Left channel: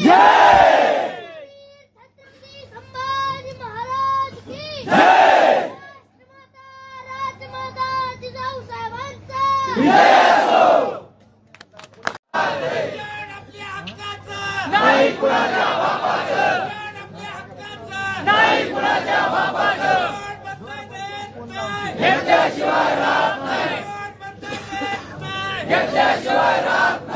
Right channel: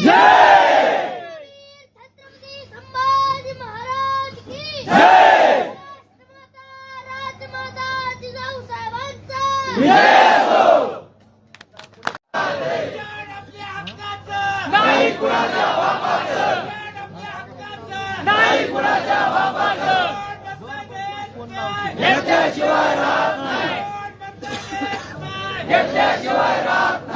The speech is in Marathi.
जय. छत्रपती संभाजी महाराज की जय. राजमाता जिजाऊ साहेबांचा विजय असो. नाही कुणाच्या बापाचं, नाही कुणाच्या बापाचं घेतल्याशिवाय राहत नाही, घेतल्याशिवाय राहत